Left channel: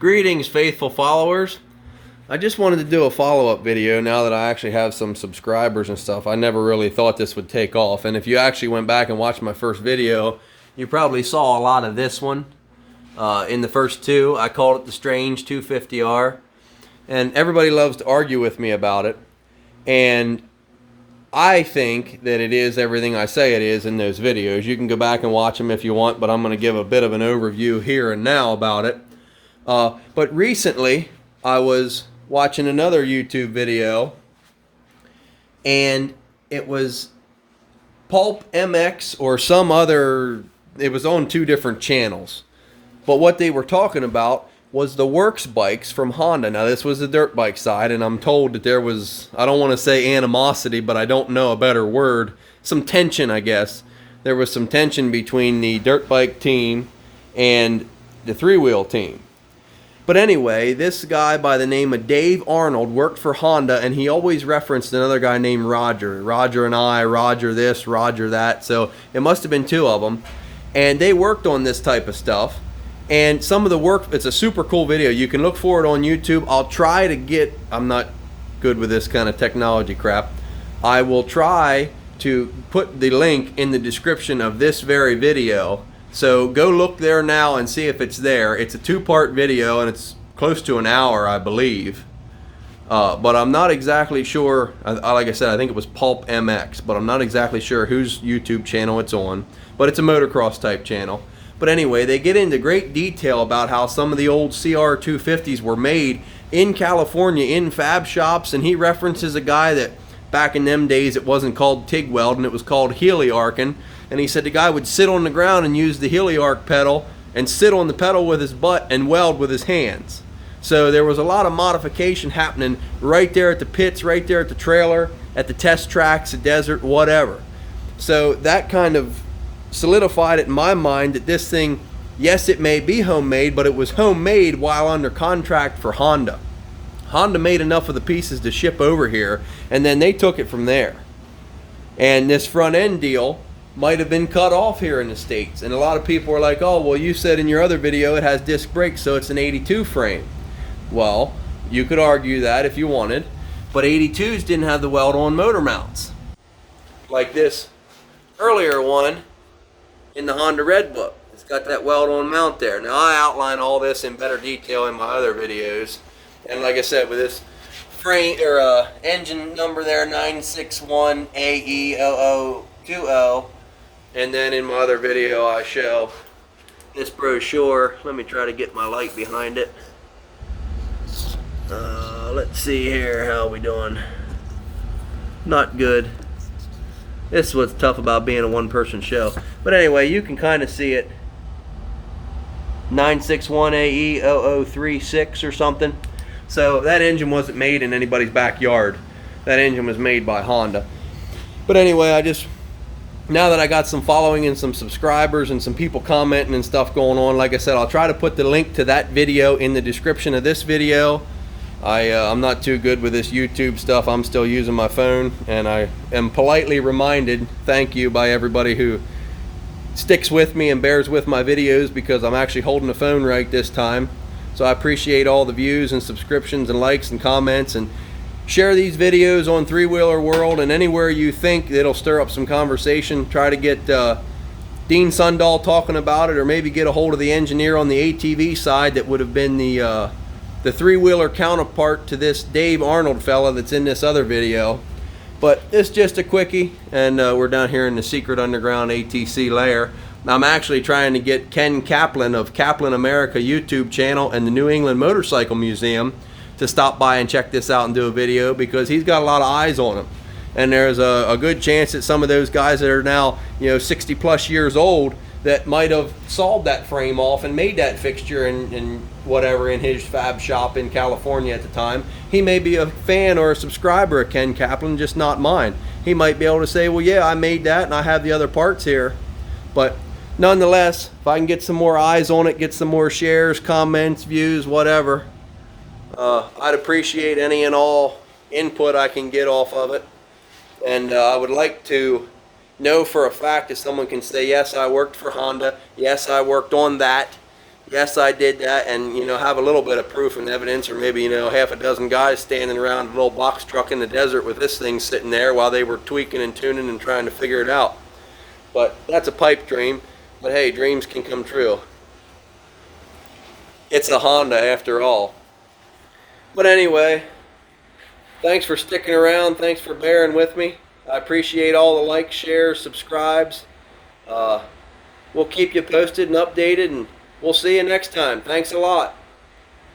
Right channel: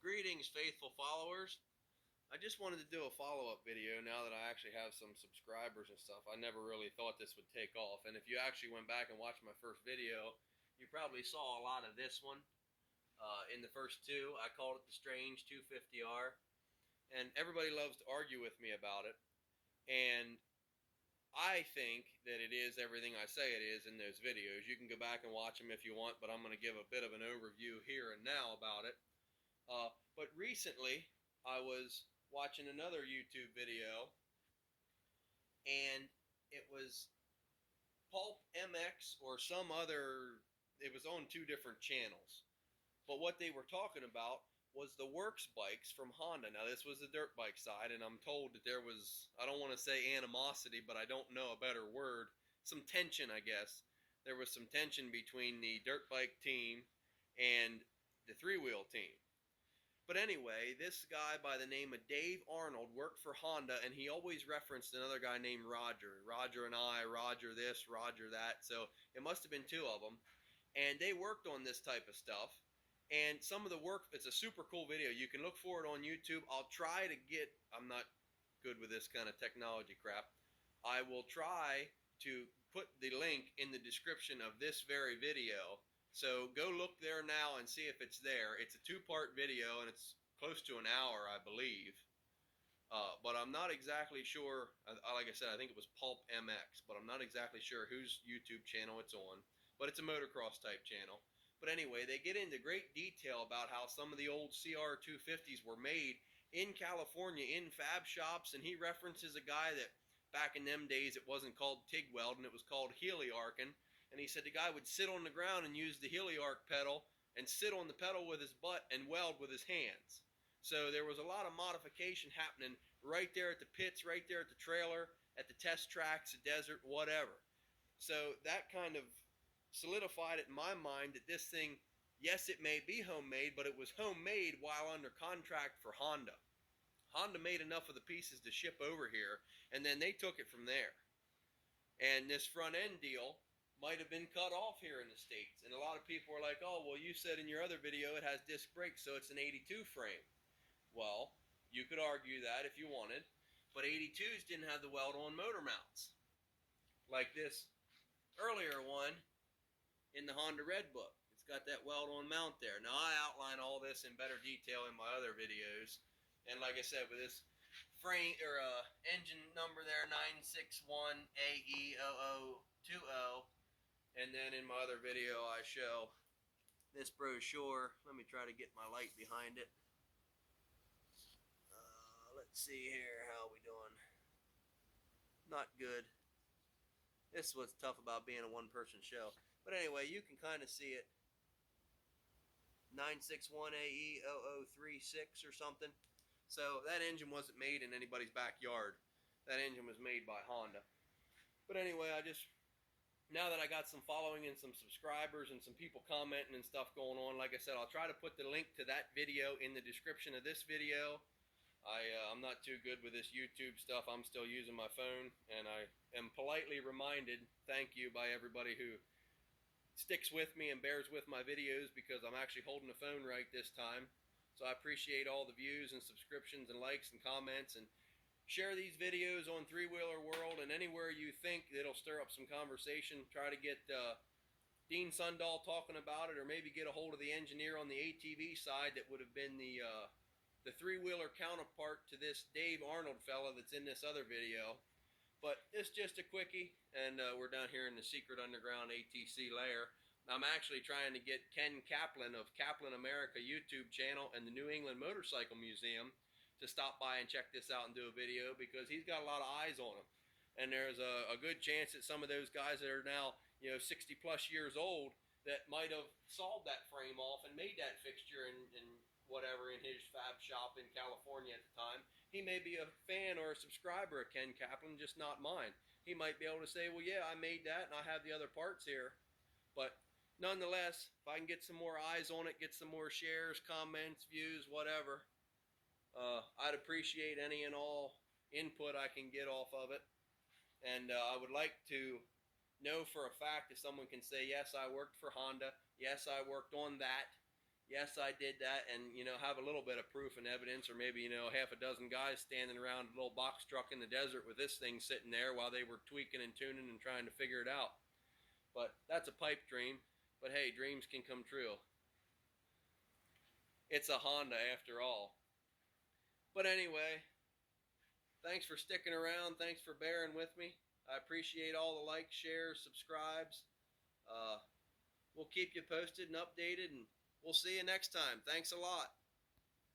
Greetings, faithful followers. I just wanted to do a follow-up video now that I actually have some subscribers and stuff. I never really thought this would take off. And if you actually went back and watched my first video, you probably saw a lot of this one in the first two. I called it the Strange 250R. And everybody loves to argue with me about it. And I think that it is everything I say it is in those videos. You can go back and watch them if you want, but I'm going to give a bit of an overview here and now about it. But recently, I was watching another YouTube video, and it was Pulp MX or some other, it was on two different channels. But what they were talking about was the works bikes from Honda. Now, this was the dirt bike side, and I'm told that there was, I don't want to say animosity, but I don't know a better word, some tension, I guess. There was some tension between the dirt bike team and the three-wheel team. But anyway, this guy by the name of Dave Arnold worked for Honda, and he always referenced another guy named Roger. Roger and I, Roger this, Roger that. So it must have been two of them. And they worked on this type of stuff. And some of the work, it's a super cool video. You can look for it on YouTube. I'll try to get, I'm not good with this kind of technology crap. I will try to put the link in the description of this very video. So go look there now and see if it's there. It's a two-part video, and it's close to an hour, I believe. But I'm not exactly sure. Like I said, I think it was Pulp MX, but I'm not exactly sure whose YouTube channel it's on. But it's a motocross type channel. But anyway, they get into great detail about how some of the old CR250s were made in California in fab shops, and he references a guy that back in them days it wasn't called TIG welding, it was called heliarcing. And he said the guy would sit on the ground and use the heliarc pedal and sit on the pedal with his butt and weld with his hands. So there was a lot of modification happening right there at the pits, right there at the trailer, at the test tracks, the desert, whatever. So that kind of solidified it in my mind that this thing, yes, it may be homemade, but it was homemade while under contract for Honda. Honda made enough of the pieces to ship over here, and then they took it from there. And this front end deal might have been cut off here in the States. And a lot of people are like, oh, well, you said in your other video it has disc brakes, so it's an 82 frame. Well, you could argue that if you wanted, but 82s didn't have the weld-on motor mounts. Like this earlier one in the Honda Red Book. It's got that weld-on mount there. Now, I outline all this in better detail in my other videos. And like I said, with this frame or engine number there, 961AE0020. And then in my other video, I show this brochure. Let me try to get my light behind it. Let's see here. How are we doing? Not good. This is what's tough about being a one-person show. But anyway, you can kind of see it. 961AE0036 or something. So that engine wasn't made in anybody's backyard. That engine was made by Honda. But anyway, now that I got some following and some subscribers and some people commenting and stuff going on, like I said, I'll try to put the link to that video in the description of this video. I'm not too good with this YouTube stuff. I'm still using my phone, and I am politely reminded, thank you, by everybody who sticks with me and bears with my videos, because I'm actually holding the phone right this time. So I appreciate all the views and subscriptions and likes and comments, and share these videos on Three Wheeler World and anywhere you think it'll stir up some conversation. Try to get Dean Sundahl talking about it, or maybe get a hold of the engineer on the ATV side that would have been the three-wheeler counterpart to this Dave Arnold fella that's in this other video. But it's just a quickie, and we're down here in the secret underground ATC lair. I'm actually trying to get Ken Kaplan of Kaplan America YouTube channel and the New England Motorcycle Museum to stop by and check this out and do a video, because he's got a lot of eyes on him. And there's a good chance that some of those guys that are now, 60 plus years old, that might have sawed that frame off and made that fixture and whatever in his fab shop in California at the time. He may be a fan or a subscriber of Ken Kaplan, just not mine. He might be able to say, well, yeah, I made that and I have the other parts here. But nonetheless, if I can get some more eyes on it, get some more shares, comments, views, whatever, I'd appreciate any and all input I can get off of it. And I would like to know for a fact if someone can say, yes, I worked for Honda, yes, I worked on that, yes, I did that, and have a little bit of proof and evidence, or maybe half a dozen guys standing around a little box truck in the desert with this thing sitting there while they were tweaking and tuning and trying to figure it out. But that's a pipe dream. But hey, dreams can come true. It's a Honda after all. But anyway, thanks for sticking around. Thanks for bearing with me. I appreciate all the likes, shares, subscribes. We'll keep you posted and updated, and we'll see you next time. Thanks a lot.